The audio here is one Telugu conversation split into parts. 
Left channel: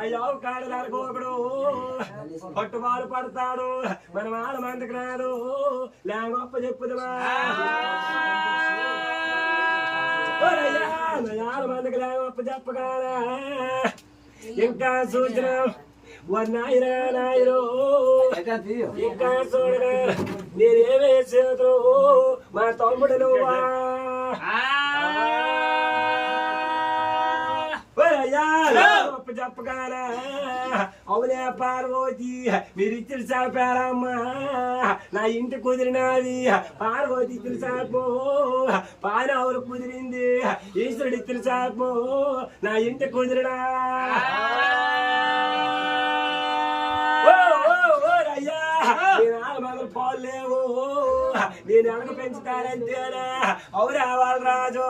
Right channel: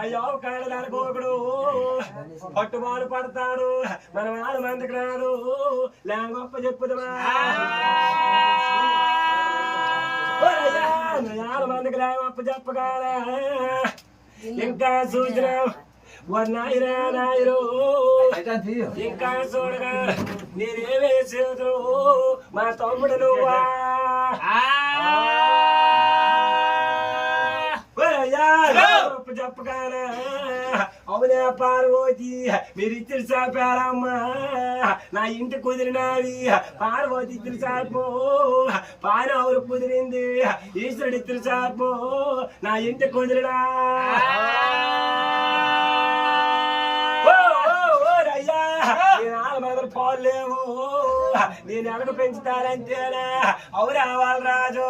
అయ్యో కాడదనుకోకుడు పట్టుబాలు పడతాడు మన 4 మందికి రాదు లే గొప్ప చెప్పుదమా 4 మందికి లే గొప్ప చెప్పగానే ఇంకా చూసిన నాయరా నాయరో ఇంకా చూడరు మీరేమేసేదు మా తమ్ముడు నువ్వా చెప్పగానే అవునే పార్వతి మీరిద్దరు చాపారమ్మా నా ఇంటి కుదిరినవి పార్వతి ఇద్దరు చాపో పాన ఎవరు కుదిరింది ఈశ్వరుడు ఇద్దరు చాపో నా ఇంటి కుదిరినా మొదలు పాలు లేవు నేను ఎలాగ పెంచుతానంతేనా అవురా వాళ్ళరాజు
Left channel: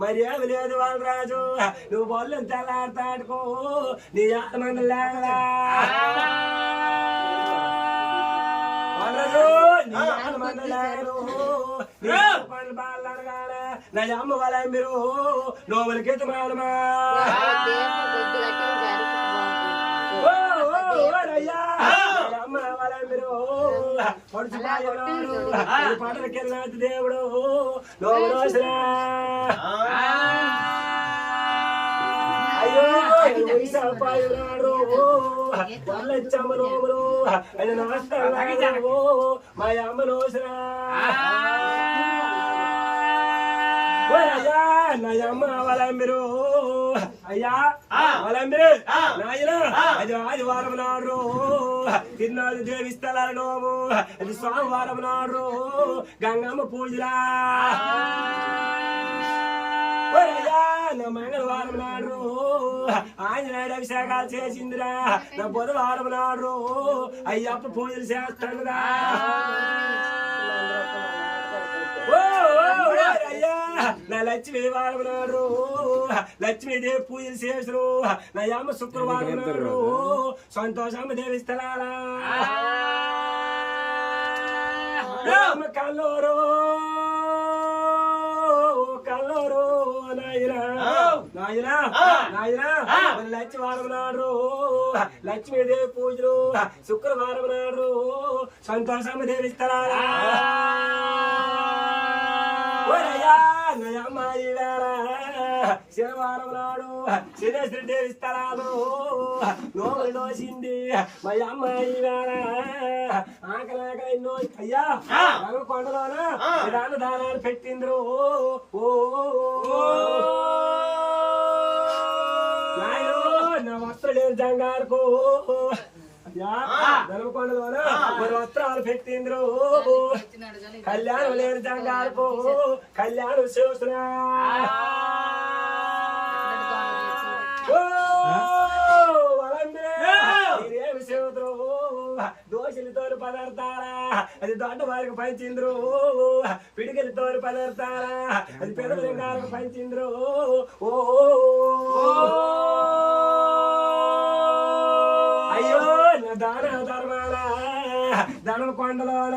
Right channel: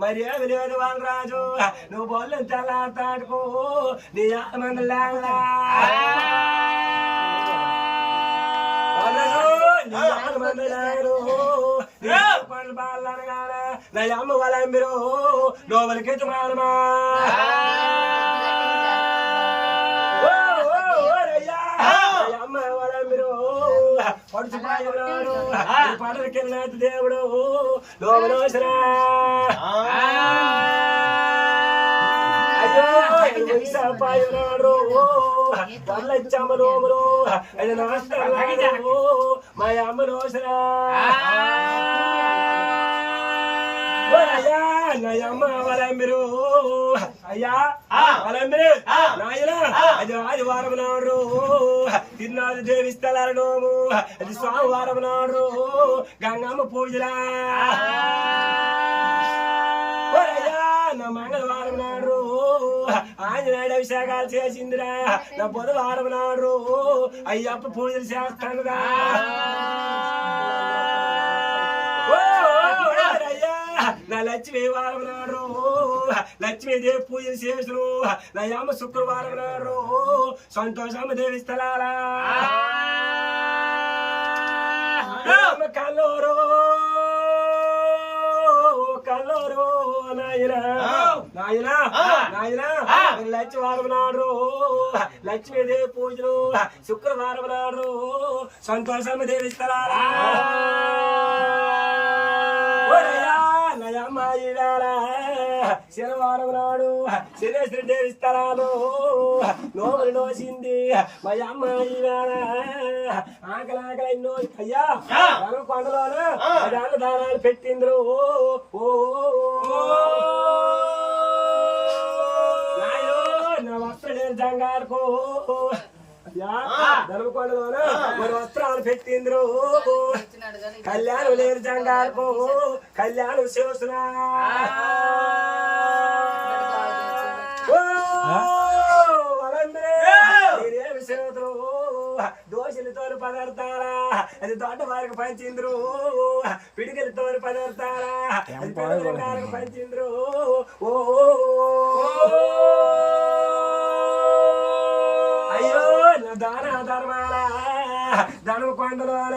మరి ఏమి లేదు వాళ్ళరాజు నువ్వు బొల్లని తెల్లాడుతాడుకో నీ 6 మంది లేవా పళ్ళు బాగా అనగానే నా అమ్మ వాళ్ళ మీరు లోపలికి మాలమా పడకెళ్ళ దేవుడు లోపల పళ్ళచ్చమ్మ లోములు అది నమస్కారం మా అమ్మ నోసరా నయమ్మ వలంబిరు అయ్యా వలంబిరు నాయన అది ఆదివారం నాడు తిన్నాడు దేవిస్తలాడు అది సోమవారం నాడు గంగమ్మ పూజలా నా మంగళవారం నాడు ఆంజనేయుడు అభిషేకాలు చేసిందిరా నా బుధవారం నాడు అయ్యప్ప పూజలు చేస్తానురా నా లక్ష్మీ వారం నాడు లక్ష్మీదేవి పూజలు చేసరు నా అమ్మ శుక్రవారం నాడు సంతోషమ్మ దేవి స్థలాలా కల్లూరు కల్లూరు నాయనా నాయనా నాయనా లక్ష్మీవారం నాడు లక్ష్మీదేవి పూజలు శుక్రవారం నాడు సంతోషమ్మ దేవి స్థలాలా నయమ్మాయి వేళ శనివారం నాడు శనేశ్వరి దేవి స్థలాలు నోములు నోసింది మా అమ్మాయి వేళ ఆకలి నో అయ్యా కొండలోను దానాలు పెట్టిండ్రు నా వస్త్రలేని జంగారుకో ధర్మకొండలోన మరి వస్త్రాలు పెట్టిండ్రు కళ్యాణం లేని జంగారుకో కళ్యాణం చూసిన మీరేమి చేతురు దోశలతో పదార్థాలా అది దొడ్డ వారికి పంచిండ్రు పిడికిలతో పదార్థాలా అది పంచిండ్రు దాన ధర్మాల ధర్మకొండలోన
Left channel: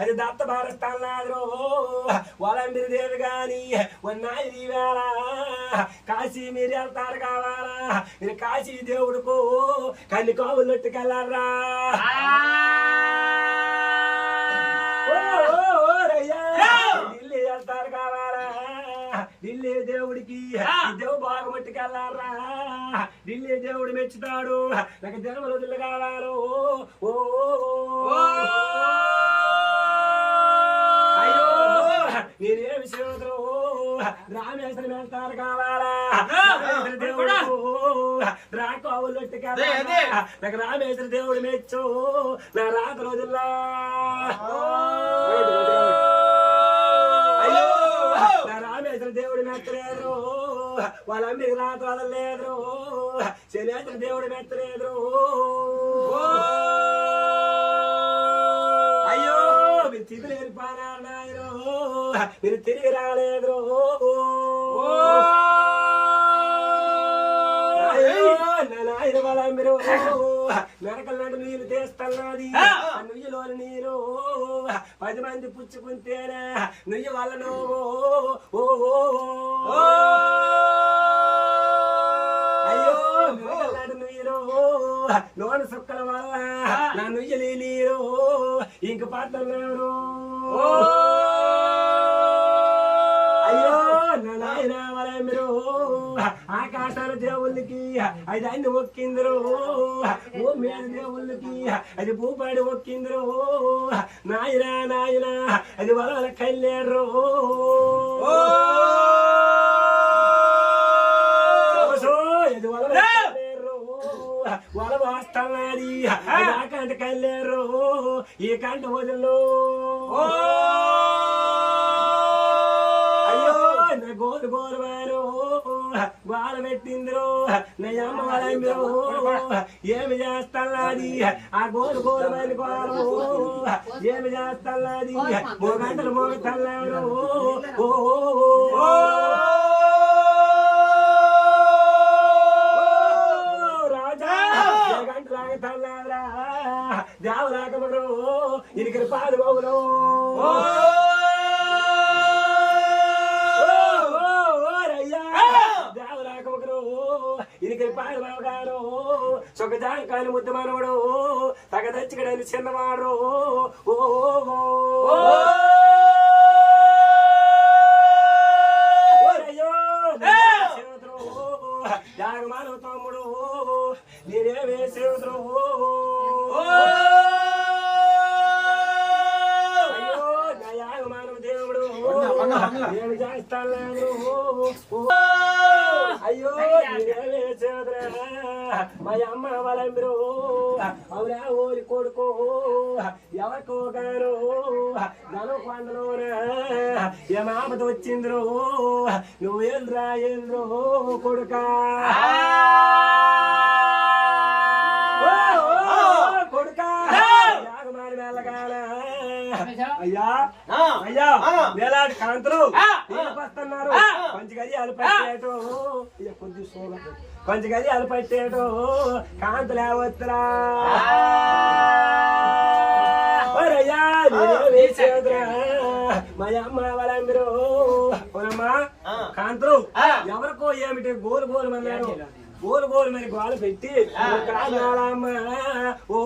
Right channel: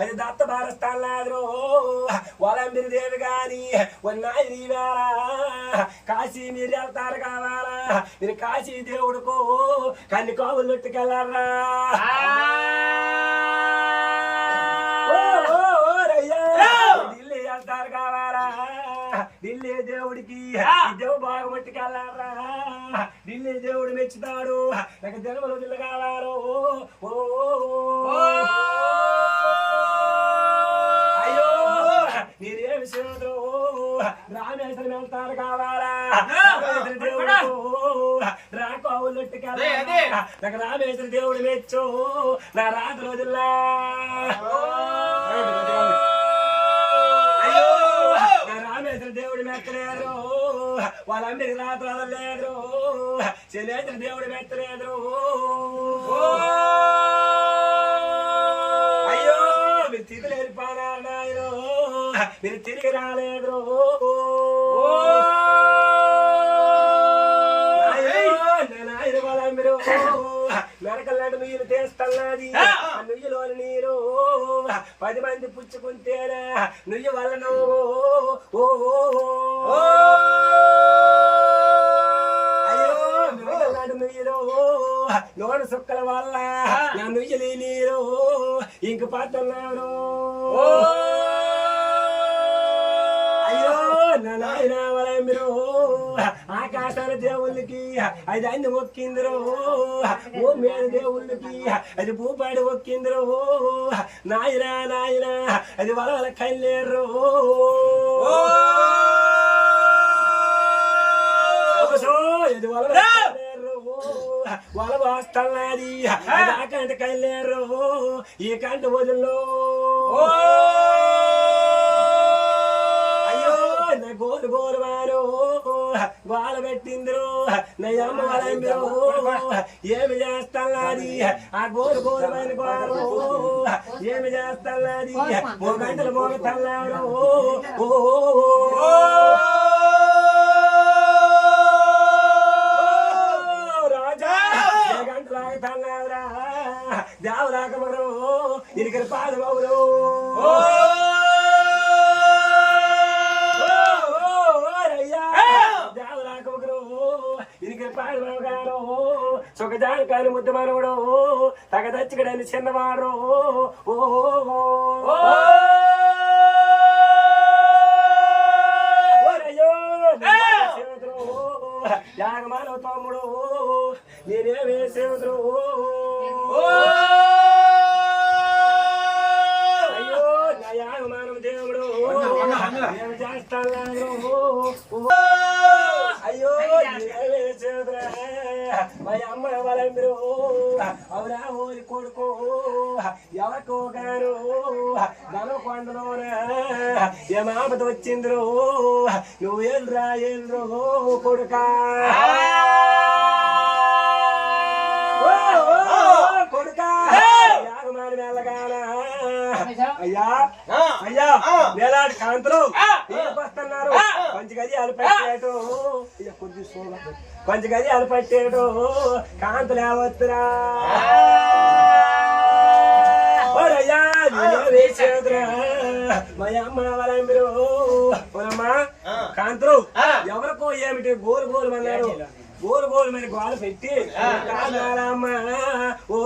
అది దత్త భారస్తాను వలంబిరి దేవి గాని ఉన్నాయి వేళ కాశీ మీరు వెళ్తారు కావాలా మీరు కాశీ దేవుడుకు కన్ని కావులు పెట్టుకెళ్ళారా ఢిల్లీ వెళ్తారు కావాలా ఢిల్లీ దేవుడికి దేవు బాగా పట్టుకెళ్ళారా ఢిల్లీ దేవుడు మెచ్చుతాడు నాకు జన్మలో దిల్లు కావారు అయ్యో మీరేమి శివుడు రామేశ్వరం వెళ్తారు కావాలా దేవుడు రాకోవులొట్టుకెళ్ళా నాకు రామేశ్వర దేవుడు మెచ్చు నా రాత రోజుల్లా అయ్యో నా రామేశ్వర దేవుడు మెచ్చలేదు వాళ్ళందరికి రాత వదలలేదు శనేశ్వర దేవుడు మెచ్చలేదు అయ్యో మీరు తిరిగి వెళ్ళిపోయినారు నాయన మీరు తిరిగి రాలేదు నాయన వాళ్ళందరూ నరకలాంటి నీళ్ళు తీస్తున్నది నుయ్యలో నీరు 10 మంది పుచ్చుకుంటేనా నుయ్యి వల్ల నువ్వు నీరు లోన సుక్కల వల్ల నన్ను నీరు ఇంక పడుతున్నారు అయ్యో నాయన మీరు ఆకాశాల దేవుళ్ళకి అది అన్ని మొక్కిందరు ఓ మీద దేవుళ్ళకి అది భూపాడి మొక్కిందరు నాయన నాయన అది వాళ్ళ కళ్ళేరు ఇది వాళ్ళ వస్తున్నది ఆ కంట కళ్ళేరు ఈ కంట వదిలో నా గోలు గోలు వారు గోల పెట్టిందిరు నా అమ్మ వాళ్ళ ఏమి చేస్తున్నది ఆ గోలు గోలు వారి గోలు ఏమి చేస్తున్నది 3 గంటలు మోగుతున్నాడు రాజా 2 గంటలు ఆగుతున్నావురా దేవరాకముడు ఇరికి పాదమవులు సుఖజాంకాలు ముద్దు మనవడు తగదచ్చగడని చిన్నవాడు యాగమానవ తమ్ముడు నేనేమే సేవతుడు అయ్యో నా యాగమానవ దేవుడు నేను చేస్తాను అయ్యో నేనేమే సేవతురా మా అమ్మ వాళ్ళ మీరు అవురా ఊరి కొడుకో ఎవరికో గారు ధనం కొండలోన ఏ మామతో వచ్చిందిరు నువ్వేంద్రా ఏంద్రో కొడుకా కొడుకా యాగమాని వెళ్ళగాల అయ్యా అయ్యా వేలాడి కాంతులు వస్తున్నారు కొంచెం గది అలిపెట్టాడు కొంచెం గది అలిపెట్టాడు కాంతులు ఏవస్తురా మా అమ్మ వాళ్ళ మీరు పోనమ్మా కాంతులు ఎవరికో ఏమిటి గోలు గోలు అన్నారు గోలు గోలు మరి గోలు పెట్టి కాదమ్మా ఓ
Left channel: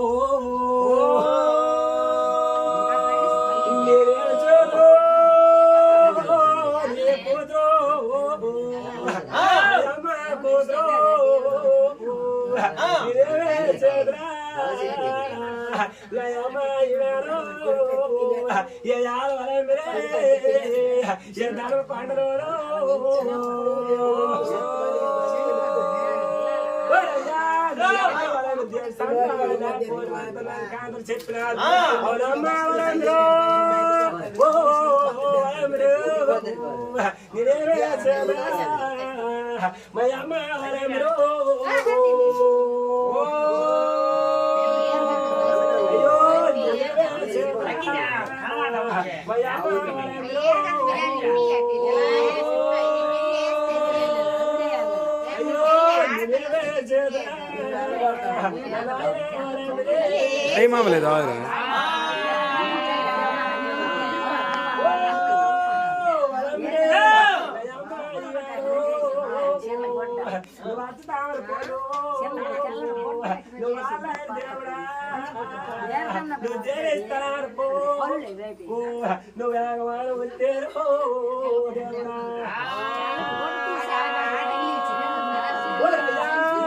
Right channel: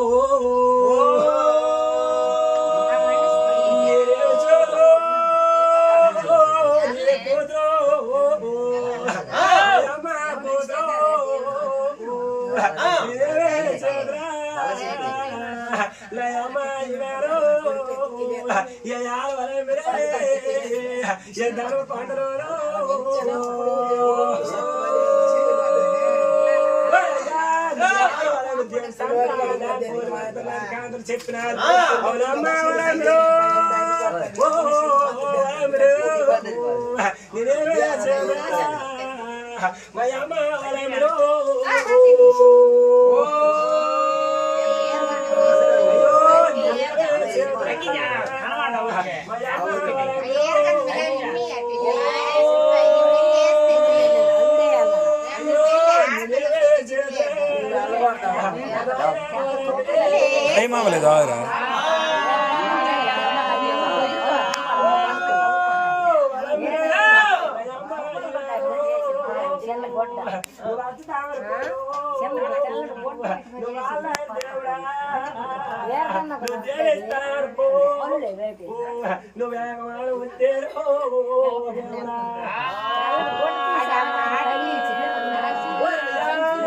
చెప్పిన Ay mamale daira. నువ్వు